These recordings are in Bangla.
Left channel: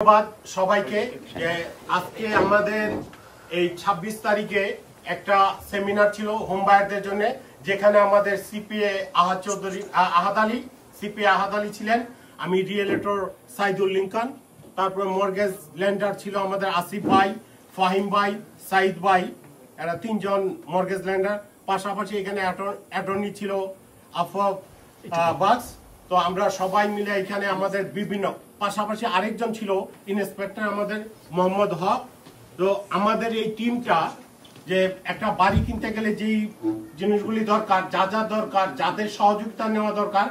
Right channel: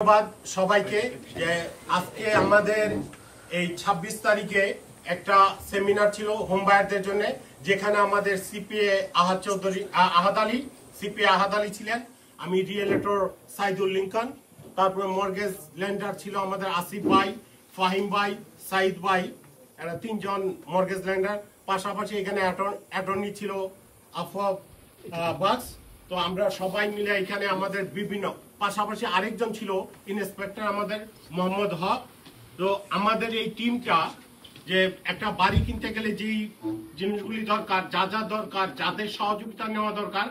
ধন্যবাদ সবাইকে। আজকে আমাদের এই 26 তারিখে একটা সেমিনার ছিল হোম বায়ারদের জন্য, যেখানে আমাদের সিপিএ আহাদ আলী ছিলেন, আমি রিয়েলেটর সাইদুল লিঙ্কন, তারপরে মর্গেজ ল্যান্ডার ছিল আমাদের আসিফ ভাই, ফাহিম ভাই, সাইদ ভাই, এরা তিনজন মর্গেজ ল্যান্ডার। পাশাপাশি এখানে অ্যাটর্নি ছিল আফওয়াব বাস। তো আমরা সবাই মিলে এখানে আমাদের বিভিন্ন, পাশাপাশি আরেকজন ছিল ইন্সপেক্টর আমাদের মোহাম্মদ হক। তো আমাদের এই টিমটা যে একটা বাড়ি কিনতে গেলে যেই জিনিসগুলি দরকার, যা যা দরকার, যাদের সহযোগিতা নেওয়া দরকার,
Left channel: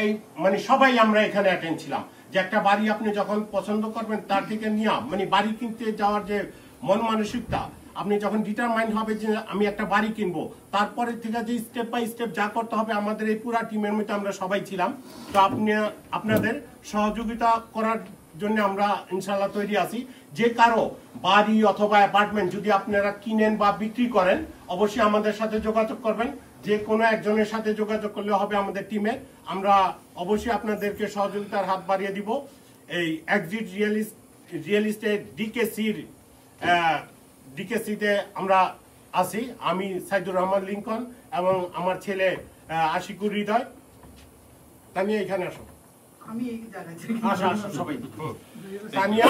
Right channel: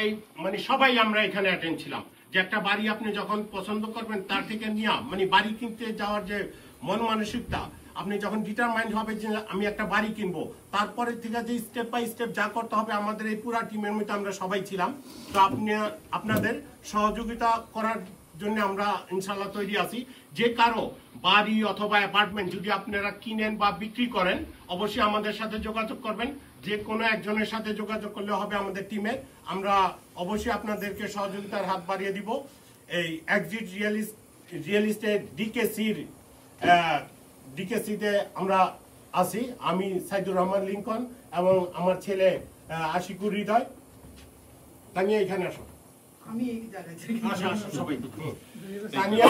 এই মানে সবাই আমরা এখানে অ্যাটেন্ড ছিলাম। যে একটা বাড়ি আপনি যখন পছন্দ করবেন তার থেকে নিয়ে মানে বাড়ি কিনতে যাওয়ার যে মন মানসিকতা, আপনি যখন ডিটারমাইন্ড হবে যে আমি একটা বাড়ি কিনবো, তারপরে থেকে যে স্টেপ বাই স্টেপ যা করতে হবে, আমাদের এই পুরা টিমের মধ্যে আমরা সবাই ছিলাম। তো আপনাদের সহযোগিতা করার জন্য আমরা ইনশাআল্লাহ তৈরি আছি। যে কারো বাড়ি অথবা অ্যাপার্টমেন্ট যদি আপনারা কিনেন বা বিক্রি করেন, অবশ্যই আমাদের সাথে যোগাযোগ করবেন। যে কোনো একজনের সাথে যোগাযোগ করলে হবে আমাদের টিমের। আমরা অবশ্যই আপনাদেরকে সহযোগিতার হাত বাড়িয়ে দিব। এই এক্সিট রিয়েল এস্টেট ডিকেসিতে আমরা আছি। আমি সাইদুর রহমান লিঙ্কন এবং আমার ছেলে আশিকুর হৃদয়। তানিয়া এখানে আসো, আমি এই জায়গায় আসো সবাই। Tania,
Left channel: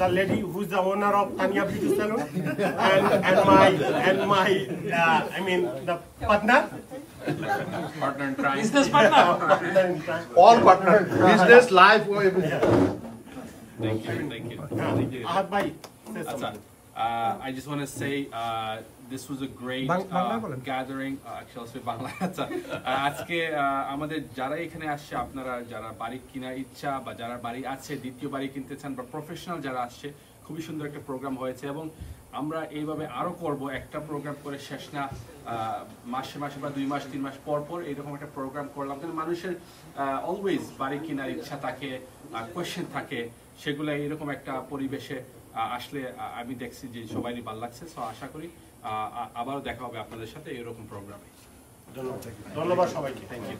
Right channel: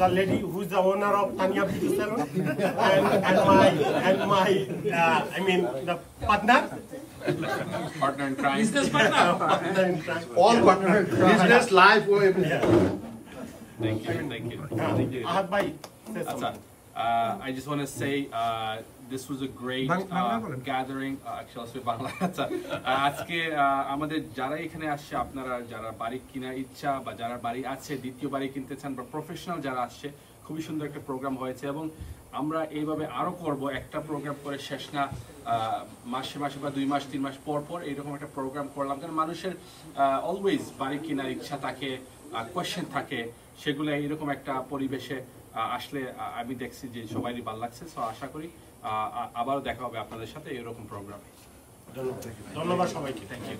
the lady who is the owner of Tanya Beauty Salon, and my the partner in crime. business partner. All partner, business, life, Thank you. Ahad bhai, say Achha, something. I just want to say this was a great gathering. Actually, Bangla. আজকে আমাদের যারা এখানে আসছে, আপনারা যারা বাড়ি কিনা ইচ্ছা বা যারা বাড়ি আছে, দ্বিতীয় বাড়ি কিনতে চান বা প্রফেশনাল যারা আসছে, খুবই সুন্দর একটা প্রোগ্রাম হয়েছে এবং আমরা এইভাবে আরো করব। একটা প্রোগ্রাম করে শেষ না, মাসে মাসে বা 2 মাস 3 মাস পর পর এরকম একটা প্রোগ্রাম করলাম, কারণ মানুষের অলওয়েজ বাড়ি কেনার ইচ্ছা থাকে, কোয়েশ্চেন থাকে, সেগুলো এরকম একটা পরিবেশে আসলে আমি দেখছি যে সবারই ভালো লাগছে। সো আশা করি আবারও দেখা হবে আপনাদের সাথে এরকম প্রোগ্রামে। ধন্যবাদ সবাইকে। Thank you.